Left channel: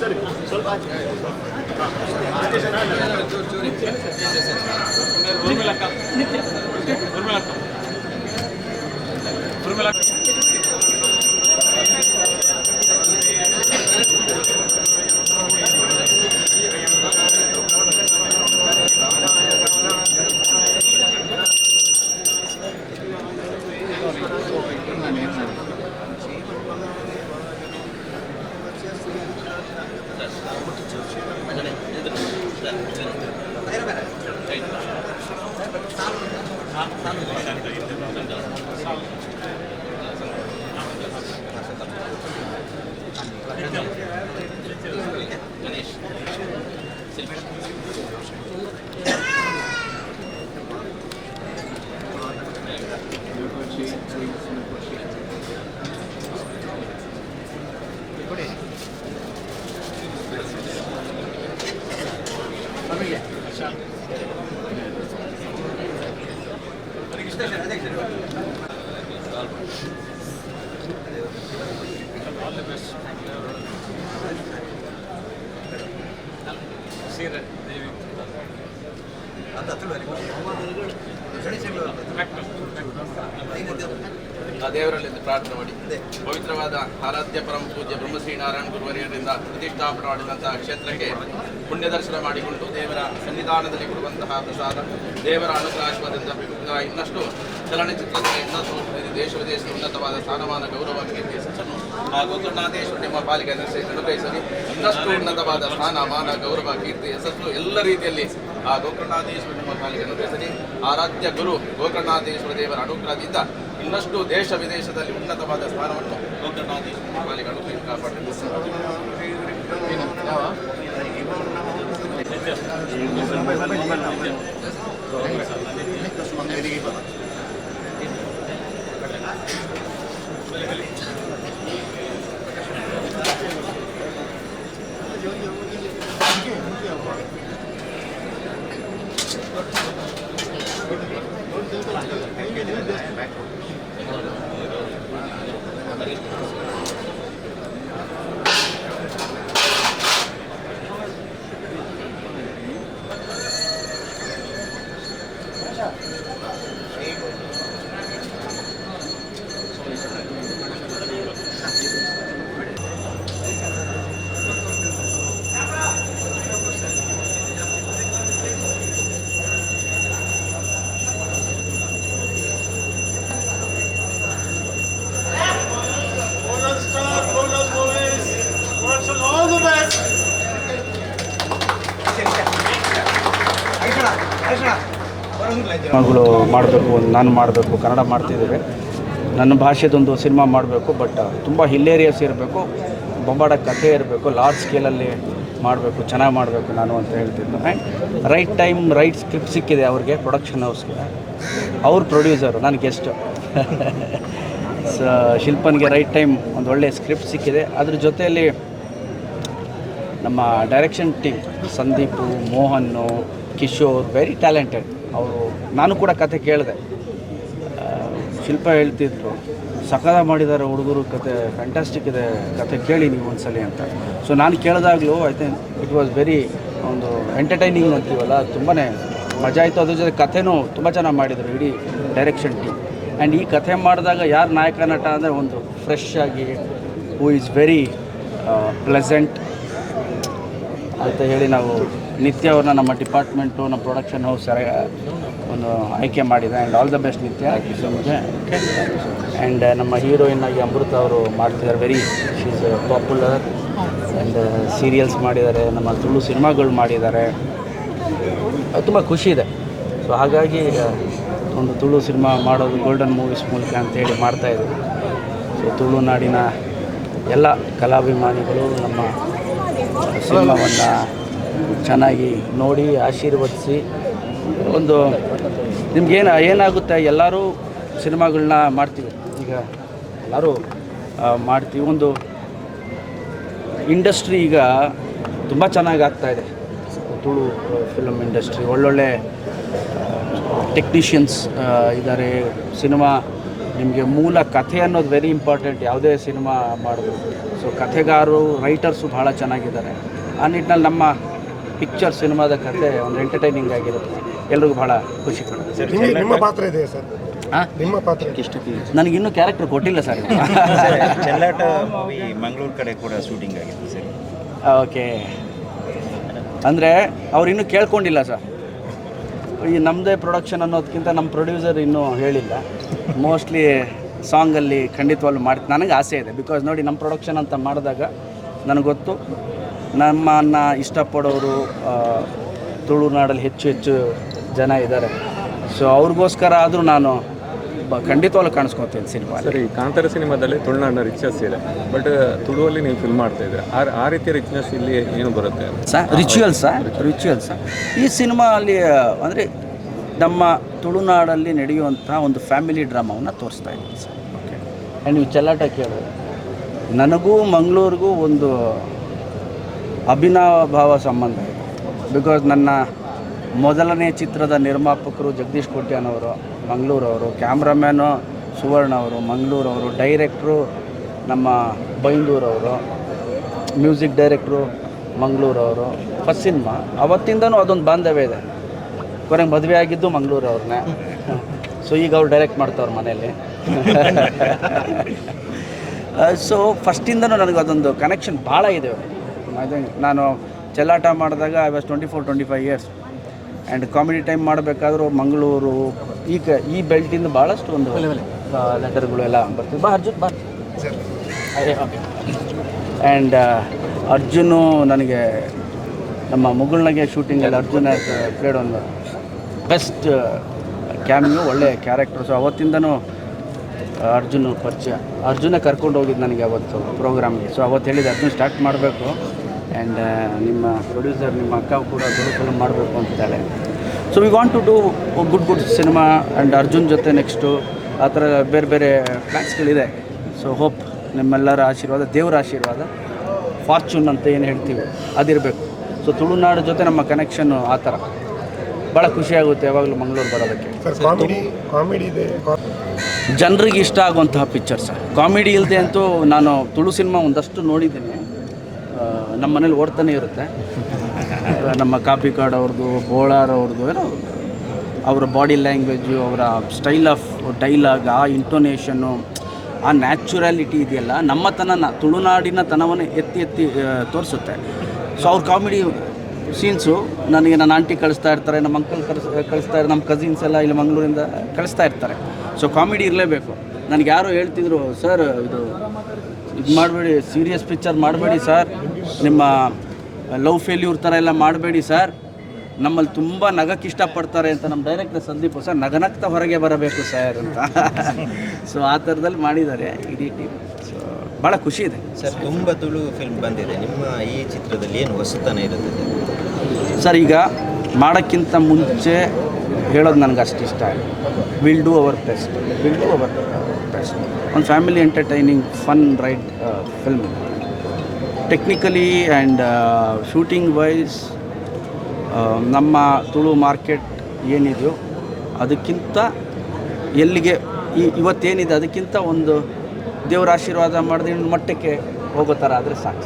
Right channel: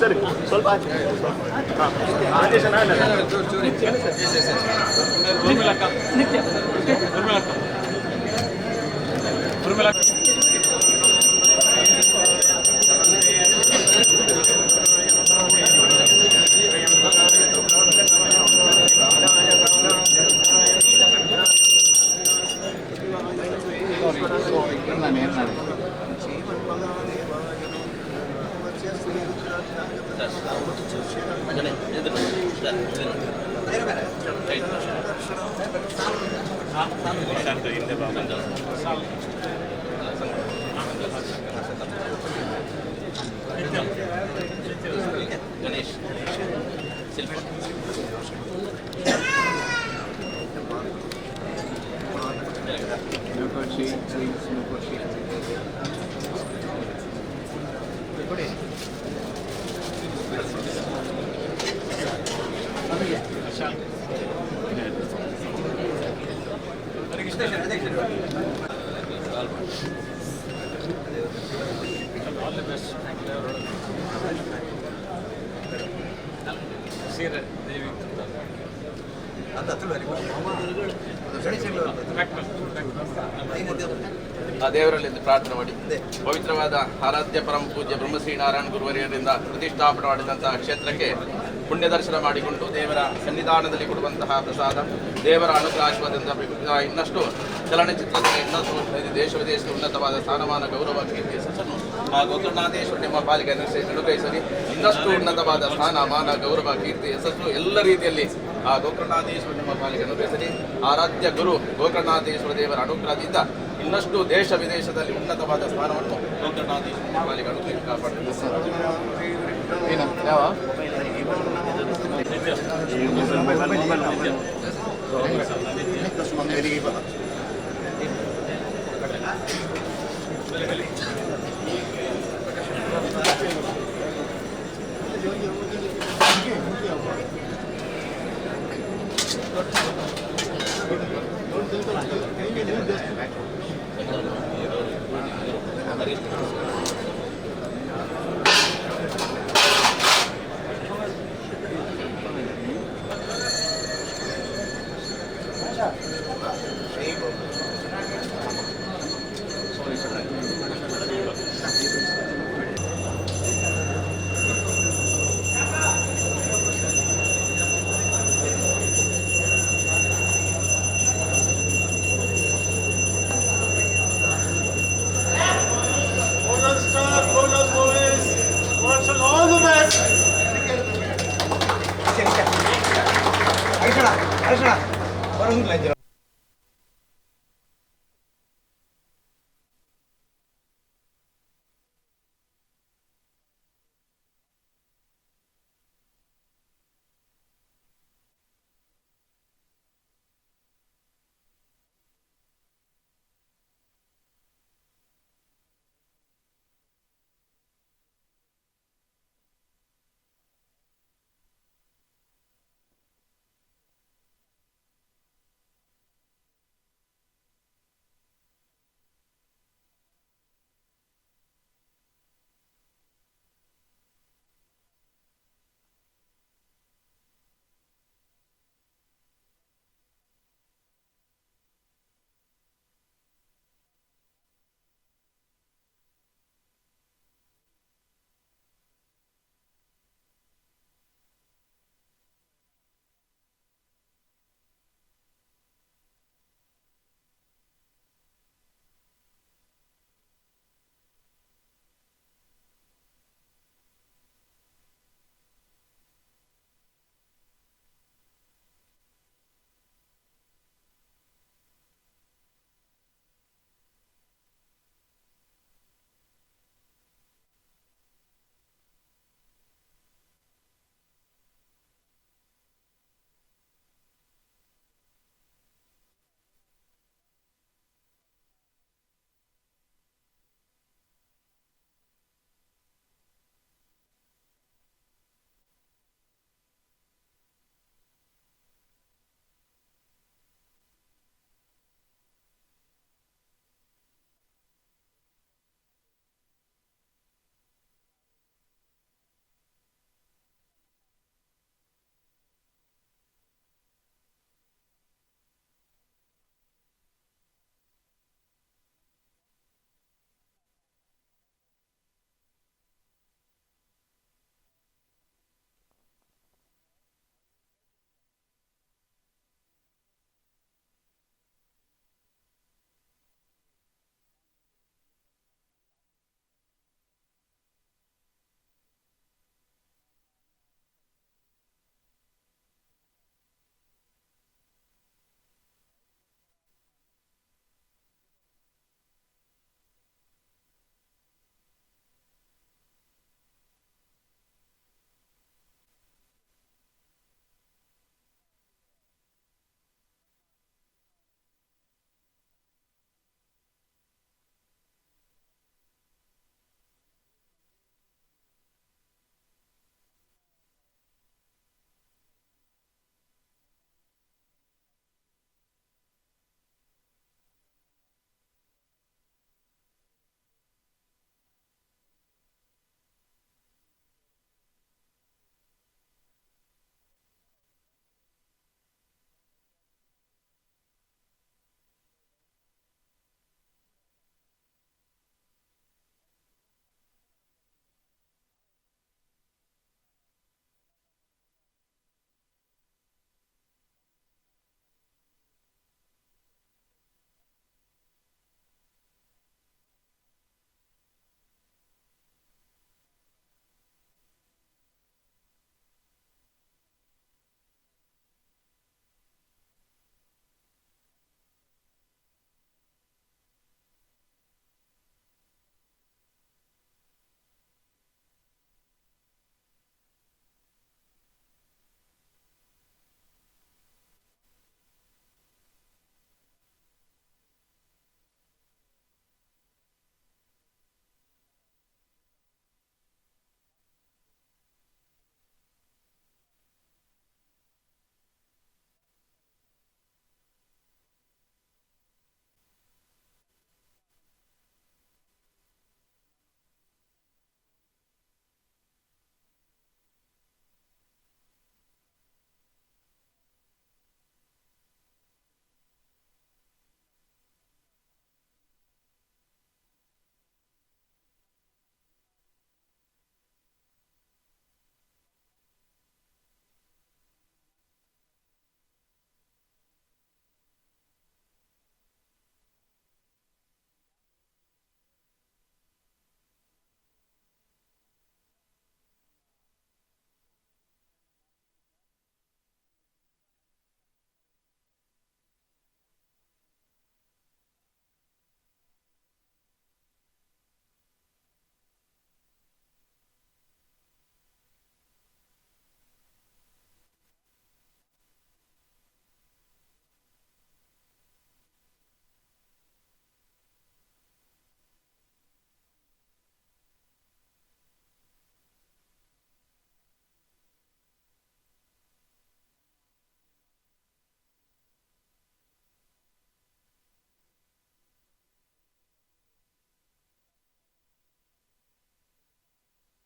ಸರಿ ಸ್ವಲ್ಪ ಗಣೇಶ್ ಆ ದೇವರಲ್ಲಿ ಪ್ರಾರ್ಥನೆ ಮಾಡಿ ಪವಿತ್ರವಾದ ಆರಾಧ್ಯ ಪರಮ ಪೂಜ್ಯ ಬ್ರಹ್ಮಶ್ರೀ ನಾರಾಯಣ ಗುರುವರಿಯರಿಂದ ಪ್ರತಿಷ್ಠಾಪನೆ ಮಾಡಿದಂತಹ ಕ್ಷೇತ್ರಕ್ಕೆ ಪುಣ್ಯ ದರ್ಶನ ಮಾಡಿಕೊಂಡು ದೇವರ ಸನ್ನಿಧಾನದಲ್ಲಿ ಕೊಡುವಂತಹ ಪ್ರಸಾದ ದೇವರ ಅನುಗ್ರಹದಿಂದ ಇನ್ನಷ್ಟು ಚಲನಚಿತ್ರಗಳ ದೇಶ ವಿದೇಶದ ಉನ್ನತವಾದ ಸ್ಥಾನಮಾನ ಗೌರವ ಕೀರ್ತಿ ಯಶಸ್ಸನ್ನು ಆ ಗೋಕರ್ಣಾಧೀಶ್ವರ ನಿಮ್ಮ ಪಾಲಿಗೆ ಅನುಗ್ರಹಿಸಲಿ. ಇನ್ನಷ್ಟು ಉನ್ನತವಾದ ಸ್ಥಾನಮಾನ ಗೌರವ ಕೀರ್ತಿ ಯಶಸ್ಸು ಎಲ್ಲ ರೀತಿಯಲ್ಲಿ ಆ ಗೋಕರ್ಣಾಧೀಶ್ವರ ನಿಮ್ಮ ಪಾಲಿಗೆ ಅನುಗ್ರಹಿಸಲಿ. ಆರಾಧ್ಯ ಗುರು ಗೋಕರ್ಣಾಧೀಶ್ವರ ದೇವರ ಅನುಗ್ರಹದಿಂದ ಇನ್ನಷ್ಟು ದೇಶ ವಿದೇಶದಲ್ಲಿ ಉನ್ನತವಾದ ಸ್ಥಾನವನ್ನು ಗೋಕರ್ಣಾಧೀಶ್ವರ ಪಾಲಿಗೆ ಅನುಗ್ರಹಿಸಿ ಕಾಪಾಡಬೇಕು. ಸಿನಿಮಾಗಳು ಮಾಡಬೇಕು, ನಾನು ಮಾಡಬೇಕು, ಕನ್ನಡ ಮಾಡ್ತಿದ್ದೇವೆ. ನನ್ನ ಭಾಷೆದೊಂದು ಸಿನಿಮಾ ಮಾಡಬೇಕು, ಬಟ್ ತುಂಬ ಹಿಲ್ಲೇರಿಯಸ್ ಇರಬೇಕು, ಬೊಂಬಾಡ ಕಥೆ ಇರಬೇಕು, ಲಾರ್ಜ್ ಸ್ಕೇಲಲ್ಲಿ ಮಾಡಬೇಕು, ಚೆನ್ನಾಗಿ ಮಾಡಬೇಕು ನಾನು ಅಂತ ಹೇಳ್ತಿದ್ದು. And right time right script ಸಿಕ್ಕಿದೆ ಅವ್ರಿಗೆ, ಪ್ರೊಡಕ್ಷನ್ ಹೌಸ್ಗೆ. ಅವ್ರ ಪ್ರೊಡ್ಯೂಸರು, ನಾನು ಗೆಸ್ಟ್. ಶಿಲ್ಪನ್ಗೆ ರೈಟ್ ಟೈಮ್ ಒಂದು ಒಳ್ಳೆಯ ಸ್ಕ್ರಿಪ್ಟ್ ಸಿಕ್ಕಿದೆ. ಅದ್ರ ಜೊತೆಯಲ್ಲಿ ನಮ್ಮ ಡೈರೆಕ್ಷನ್ ಟೀಮ್ ಸಂದೀಪು, ಮೋಹನ್ನು, ಕಿಶೋರ್, ವೆರಿ ಟ್ಯಾಲೆಂಟೆಡ್ ಅವರು. ನಾನು ಕೂಡ ಕತೆ ಕೇಳಿದೆ, ಶಿಲ್ಪ ಹೇಳ್ತಿದ್ರು ಸಕಲ ಮಾಡಿದ್ದಾರೆ ಹುಡುಗರು, ಕತೆ ಫ್ಯಾಂಟಾಸ್ಟಿಕ್ ಇದೆ, ಕತೆ ಕೇಳಿ ನೀವು ಒಂದ್ಸಲಿ ಅಂತ. ಸೊ ನಾನು ಕೇಳಿದಾಗಲೂ I think it was very ಒಂದು ಎಂಟರ್ಟೈನಿಂಗ್ ಅಂತೀವಲ್ಲ, ತುಂಬಾ ಮಜಾ ಆಯಿತು. ಅದ್ರ ಜೊತೆ ಕಥೆನೂ ತುಂಬ ಚೆನ್ನಾಗಿ ಮಾಡಿದರು ಇಡೀ ಡೈರೆಕ್ಷನ್ ಟೀಮ್. ಆ್ಯಂಡ್ ಈ ಕಥೆ ಮಾಡಿದಾಗ ಯಾರು ನಾಯಕ ನಟ ಅಂದರೆ ಒಂದು ಫ್ರೆಶ್ ಆಗಿ, ಹೂ ಈಸ್ ವೆರಿ ಪ್ಲೆಸೆಂಟ್ ಅಂತ ಹೇಳಿ ನಾವು ನಿತ್ಯ ಅವ್ರನ್ನ ನಮ್ಮ ಡಿಪಾರ್ಟ್ಮೆಂಟು, ನಮ್ಮ ಪ್ರೊಡಕ್ಷನ್ ಹೌಸ್ ಒಂದು ಆಯ್ಕೆ ಮಾಡಿದೆ. ಆ್ಯಂಡ್ ಆಲ್ ದ ಬೆಸ್ಟ್ ನಿತ್ಯ. So much. ಆ್ಯಂಡ್ ನಮ್ಮ ಹೀರೋಯಿನ್ ಆಗಿ ಅಮೃತ ಅವರು ಮಾಡ್ತಿದ್ದಾರೆ, very she is popular. And serials ಮಾಡಿದ್ದಾರೆ, ನಮ್ಮ ತುಳು ಸಿನಿಮಾಗಳು ಮಾಡಿದ್ದಾರೆ, ತುಂಬ ಖುಷಿ ಇದೆ. ಸೊ ಹಾಗಾಗಿ ಒಂದು ತುಳು ಸಿನಿಮಾ ಮಾಡೋದು ಗೋಲ್ಡನ್ ಮೂವೀಸ್ ಮೂಲಕ ಅಂತೇಳಿ ಮಾಡ್ತಾಯಿದ್ದೀವಿ. ಸೊ ತುಳುನಾಡಿನ ಎಲ್ಲ ಕಲಾಭಿಮಾನಿಗಳು ನಮ್ಮ ಸಿನಿಮಾವನ್ನು ಚೆನ್ನಾಗಿ ನೋಡಿ ಆಶೀರ್ವದಿಸಿ, ಒಂದು ನಿಮ್ಗೇನು ಏನಾಗುತ್ತೆ, ಎಲ್ಲರೂ ಸಿನಿಮಾಗಳನ್ನ ಮಾಡ್ತೀವಿ, ಈಗ ಎಲ್ಲರೂ ಮಾಡ್ತೀವಿ. ಒಂದು ಇಂಡಸ್ಟ್ರಿ ಈಗ ತುಂಬ ಚೆನ್ನಾಗಿ ಆಗ್ತಾಯಿದೆ. ತುಳು ಫಿಲಮ್ ಇಂಡಸ್ಟ್ರಿ ಒಳ್ಳೊಳ್ಳೆ ಟೆಕ್ನಿಷಿಯನ್ಸ್ ಇದ್ದಾರೆ. ಸಿನಿಮಾ ನಿಮಗೆ ಮೂಲ ಕಥೆ ಅನ್ನೋದು ವೆರಿ ಇಂಪಾರ್ಟೆಂಟ್ ಯಾವುದೇ ಸಿನಿಮಾ ಮಾಡೋದು. ಸೊ ಕಥೆಗಾರರು ರೈಟರ್ಸು ಭಾಳ ಚೆನ್ನಾಗಿದ್ದಾರೆ. ಆ ನಿಟ್ಟಿನಲ್ಲಿ ನಮ್ಮ ಪಿಕ್ಚರ್ ಸಿನಿಮಾದ ಕಥೆ ಒಂದು ಎಂಟರ್ಟೈನಿಂಗ್ ಆಗಿರುತ್ತೆ, ಎಲ್ರಿಗೂ ಭಾಳ ಖುಷಿ ಕೊಡುತ್ತೆ. ನಿಮ್ಮ ಪಾತ್ರ ಇದೆ ಸರ್, ನಿಮ್ಮ ಪಾತ್ರ ನನಗಿನ್ನೂ ಕ್ಯಾರೆಕ್ಟರ್ ಕೊಟ್ಟಿಲ್ಲ ಸರ್. ಚೆಲ್ಲಾಟ ಮೂವಿ ಮಂಗಳೂರು ಕಡೆ ಕೂಡ ಶೂಟಿಂಗ್ ಆಗಿತ್ತು ಸರ್. ಓಕೆ, ಅಂದರೆ ಅವ್ರು ಇನ್ನೂ ಕೇಳ್ಕೊಂಡಿಲ್ಲ ಸರ್. ಈ ನಮ್ಮದೇ ಪ್ರೊಡಕ್ಷನ್ ಅನ್ನೋದಕ್ಕಿಂತ ನಮ್ಮ ಪ್ರೊಡ್ಯೂಸರ್ ಇನ್ನೂ ಹೇಳಿಲ್ಲ. ಮೋಸ್ಟ್ಲಿ ಸಾಂಗಲ್ಲಿ ಖಂಡಿತವಾಗ್ಲೂ ನನಗೆ ಆಸೆ ಇದೆ. ಬಿಕಾಸ್ ನೋಡಿ, ನಮ್ಮ ಪ್ರೊಡಕ್ಷನ್ ಅಂತ ಮಾಡಿದಾಗ ನನಗೆ ಗೊತ್ತು ನಮ್ಮನ್ನು ಇಷ್ಟಪಡೋರು ತುಳುನಾಡಲ್ಲಿ ಹೆಚ್ಚು ಜನ ಇದ್ದಾರೆ. ಸೊ ಅವ್ರಿಗೋಸ್ಕರ ಆದರೂ ನಾನು ಖಂಡಿತವಾಗ್ಲೂ ಕಾಣಿಸ್ಕೊತೀನಿ ಸಿನಿಮಾ. ಸರಿ, ಕಾಂತಾರ ಸಿನಿಮಾದಲ್ಲಿ ತುಳುನಾಡಿನ ರಿಚ್ನೆಸ್ ಇದೆ, ಬಟ್ ತುಳುವಲ್ಲಿ ನೀವು ಫಿಲ್ಮ್ ಮಾಡ್ತಾ ಇದ್ದೀರಾ. ಆ ರೀತಿಯ ರಿಚ್ನೆಸ್ ಇಲ್ಲಿ ಏನು ಬರುತ್ತೆ ರಿಚುವಲ್ಸ ಈ ಸಿನಿಮಾ ಅಲ್ಲಿ ಅಂದರೆ ನಮ್ಮ ತುಳುನಾಡಲ್ಲಿ ನಡೆಯುವಂಥ ಒಂದು ಫ್ಯಾಮಿಲಿ ಡ್ರಾಮಾವನ್ನು ತೋರಿಸ್ತಾ ಇದ್ದೀನಿ ಸರ್. ಓಕೆ, ಆ್ಯಂಡ್ ನೀವು ಚೆಲ್ಲಾಟ ಕೇಳಿದ್ರೆ ನನಗೂ ಮಂಗಳೂರಿಗೂ ಒಂದು ಅಭಿನವ ಸಂಬಂಧ ಇದೆ. ಬಿಕಾಸ್ ನನ್ನ ಮೊದಲನೇ ಚಿತ್ರದ ನಿರ್ಮಾಪಕರು ಜಗದೀಶ್ ಕೋಟ್ಯಾನವರು ಮಂಗಳೂರವರು, ಕ್ಯಾಮ್ರಾಮ್ಯಾನು ಸುವರ್ಣ ಅವರು ಮಂಗಳೂರವರು, ಡೈರೆಕ್ಟ್ರು ನಮ್ಮ ಬೈಂದೂರವರು, ಮ್ಯೂಸಿಕ್ ಡೈರೆಕ್ಟ್ರು ಮಂಗಳೂರವರು. ಫಸ್ಟ್ ಸಿನಿಮಾ ಅವತ್ತಿಂದನೂ ಅದೊಂದು ಬಾಂಧವ್ಯ ಇದೆ. ಕೊನೆಗೆ ಮದುವೆ ಆಗಿದ್ದು ಮಂಗಳೂರವ್ರನ್ನೇ. ಸೊ ಈಗ ಅವ್ರು ಡೈರೆಕ್ಟ್ ಮಾಡ್ತಾವ್ರು ಮನೆಯಲ್ಲಿ. ಸೊ ಫಸ್ಟಿಂದನೂ ನನಗೆ ಅದೊಂದು ಕನೆಕ್ಷನ್ ಭಾಳ ಇದೆ. ನಾನು ಚೆಲ್ಲಾಟ ಮಾಡಿದಾಗ I was 24-25 years. And comedy time ಮಾಡಬೇಕಾದ್ರೂ ಮಂಗಳೂರು ಈ ಬೆಲ್ಟಿಂದ ಭಾಳಷ್ಟು ಒಂದು ಲೆಟರ್ಗಳು ಎಲ್ಲ ಬರ್ತಿದ್ವು. ಅರ್ಜುನ್ ಆ್ಯಂಡ್ ಅರ್ಜುನು ನನಗೆ ನಮ್ಮ ಮುಗುಳ್ನಗೆ ಶೂಟಿಂಗಲ್ಲಿ ಅರ್ಜುನ್ ಪ್ಲೇಡ್ ಒಂದು ಬೆಸ್ಟ್ ಕ್ಯಾಮಿಯೋ, ಒಳ್ಳೆ ಕ್ಯಾರೆಕ್ಟರ್. ಸೊ ಅವತ್ತಿಂದನೂ ಅರ್ಜುನ ಪರಿಚಯ. ಅರ್ಜುನೇ ಕರ್ಕೊಂಡು ಹೋಗಿದ್ದು ನನಗೆ ಅವತ್ತು ಪ್ರೋಗ್ರಾಮ್ಗೆ. ಸೊ ಅವತ್ತು ಹೇಳಿದೆ ಅರ್ಜುನ್ ಸ್ಟಾರ್ಟ್ ಮಾಡಬೇಕು, ಆ್ಯಂಡ್ ನಿಮ್ಮ ಪ್ರೊಡ್ಯೂಸರ್ ನಿಮ್ಮ ಅಕ್ಕ ಕೂಡ ದೊಡ್ಡ ಫಿಲ್ಮ್ ಮಾಡಬೇಕು ಅಂತಿದ್ದಾಳೆ. So we want to do good cinema and Arjun ಜೊತೆ ನೆಕ್ಸ್ಟು ಆ ಥರ ಬೇರೆ ಬೇರೆ ಪ್ಲ್ಯಾನ್ಸ್ಗಳಿದೆ. ಸೊ ಹೋಪ್ ನಿಮ್ಮೆಲ್ಲರ ಆಶೀರ್ವಾದ, ದೇವರ ಆಶೀರ್ವಾದ, ಫಾರ್ಚೂನ್ ಅಂತ ಏನು ಹೇಳ್ತೀವಿ ಅದಿರಬೇಕು. ಸೊ ತುಳುನಾಡು ಜೊತೆ ನಮ್ಮ ಕನೆಕ್ಷನ್ನು ಆ ಥರ ಭಾಳ ಖುಷಿಯಾಗುತ್ತೆ ಯಾವಾಗಲೂ ಮಂಗಳೂರು ಬರೋದಕ್ಕೆ. ಕಾಮಿಡಿ ಇದೆ, ಜನರಿಗೆ ಇಷ್ಟ ಆಗುವಂತಹ ಪಿಕ್ಚರ್ ಸರ್. ಕಾಮಿಡಿ ಇಲ್ಲದೆ ಅಂತೂ ನಾನು ತುಳು ಸಿನಿಮಾ ಒಂದಷ್ಟು ನೋಡಿದ್ದೀನಿ, ನಮ್ಮ ಮನೇಲಿ ಓಡ್ತಾನೆ ಇರುತ್ತೆ. ನಮ್ಮ ಕಾಪಿ ಕಾರ್ಡ್ ಅವ್ರದ್ದು, ಬೋಳಾರ್ ಅವ್ರದ್ದು, ಏನೋ ಅವರ ಬಾಡಿ ಲ್ಯಾಂಗ್ವೇಜು, ಅವರ ಸ್ಟೈಲ್ ಆಫ್ ಡೈಲಾಗ್, ಆ ಇಂಟೋನೇಷನ್ನು, ಆ ನ್ಯಾಚುರಾಲಿಟಿ ಇದೆಯಲ್ಲ, ನಮ್ಮತನ ತುಳುನಾಡಿನ ತನವನ್ನು ಎತ್ತಿ ತೋರಿಸುತ್ತೆ. ಸೊ ಅವ್ರ ಕಾಮಿಡಿ ಸೀನ್ಸು ನನಗೆ ನನ್ನ ಆಂಟಿ ಕಳಿಸ್ತಾ ಇರ್ತಾರೆ, ನಮ್ಮ ಅಂಕಲ್ ಕಳಿಸ್ತಾ ಇರ್ತಾರೆ, ನಮ್ಮ ಕಸಿನ್ಸ್ ಎಲ್ಲ ಇಲ್ಲಿ ಮಂಗಳೂರಿಂದ ಕಳಿಸ್ತಾ ಇರ್ತಾರೆ. ಸೊ ಕಾಮಿಡಿ ಇರಲೇಬೇಕು. ನನಗೆ ಯಾರೋ ಹೇಳ್ತಿದ್ರು, ಸರ್ ಇದು ಮಾಡಬೇಡಿ, ಸೀರಿಯಸ್ ಪಿಕ್ಚರ್ ಮಾಡಬೇಡಿ ಸರ್, ನಿಮ್ಮ ಲವ್ ಫೇಲ್ಯೂರ್ ಥರ ಎಲ್ಲ ಮಾಡಬೇಡಿ ಸರ್, ನಮ್ಮಲ್ಲಿ ತುಂಬ ನಗಕ್ಕೆ ಇಷ್ಟಪಡ್ತಾರೆ ಅಂತ ನಮ್ಮ ಡೈರೆಕ್ಟರ್ ಸಂದೀಪ್ ಸರ್ ನಗನಗ್ತಾ ಹೊರಗೆ ಬರಬೇಕು ಸರ್ ಅಂತ. ಸೊ ಆ ಥರದಲ್ಲಿ ಮಾಡಿದ್ದಾರೆ ಇಡೀ ಟೀಮ್. ಸೊ ಭಾಳ ಖುಷಿ ಇದೆ ಸರ್. ತುಂಬ ತುಳು ಫಿಲ್ಮ್ ಬಂದಿದೆ, ನಿಮ್ಮ ಈ ಚಿತ್ರದಲ್ಲಿ ಏನು ಹೊಸತನ ಇರುತ್ತದೆ ಸರ್? ಈಗ ಮಾಡೋಕ್ಕಿಂತ ಮುಂಚೆ ಹೇಳೋದು ನನಗೆ ಅಷ್ಟು ಇಷ್ಟ. Will do our best. ಒಂದು family entertaining fun ride film. Technically and shooting wise ನಮ್ಮ ತುಳು ಮಾರ್ಕೆಟ್ ಏನಿದೆಯೋ ಅದಕ್ಕಿಂತ ಎಲ್ಲಿಗೆ ಇವತ್ತೇನಿದೆ ಅದಕ್ಕಿಂತ ಒಂದು ದೇವರ ಆಶೀರ್ವಾದ ಮಾಡಿದ ಮಟ್ಟಕ್ಕೆ ಹೋಗೋ ಥರ ಆದರೆ ಸಾಕು.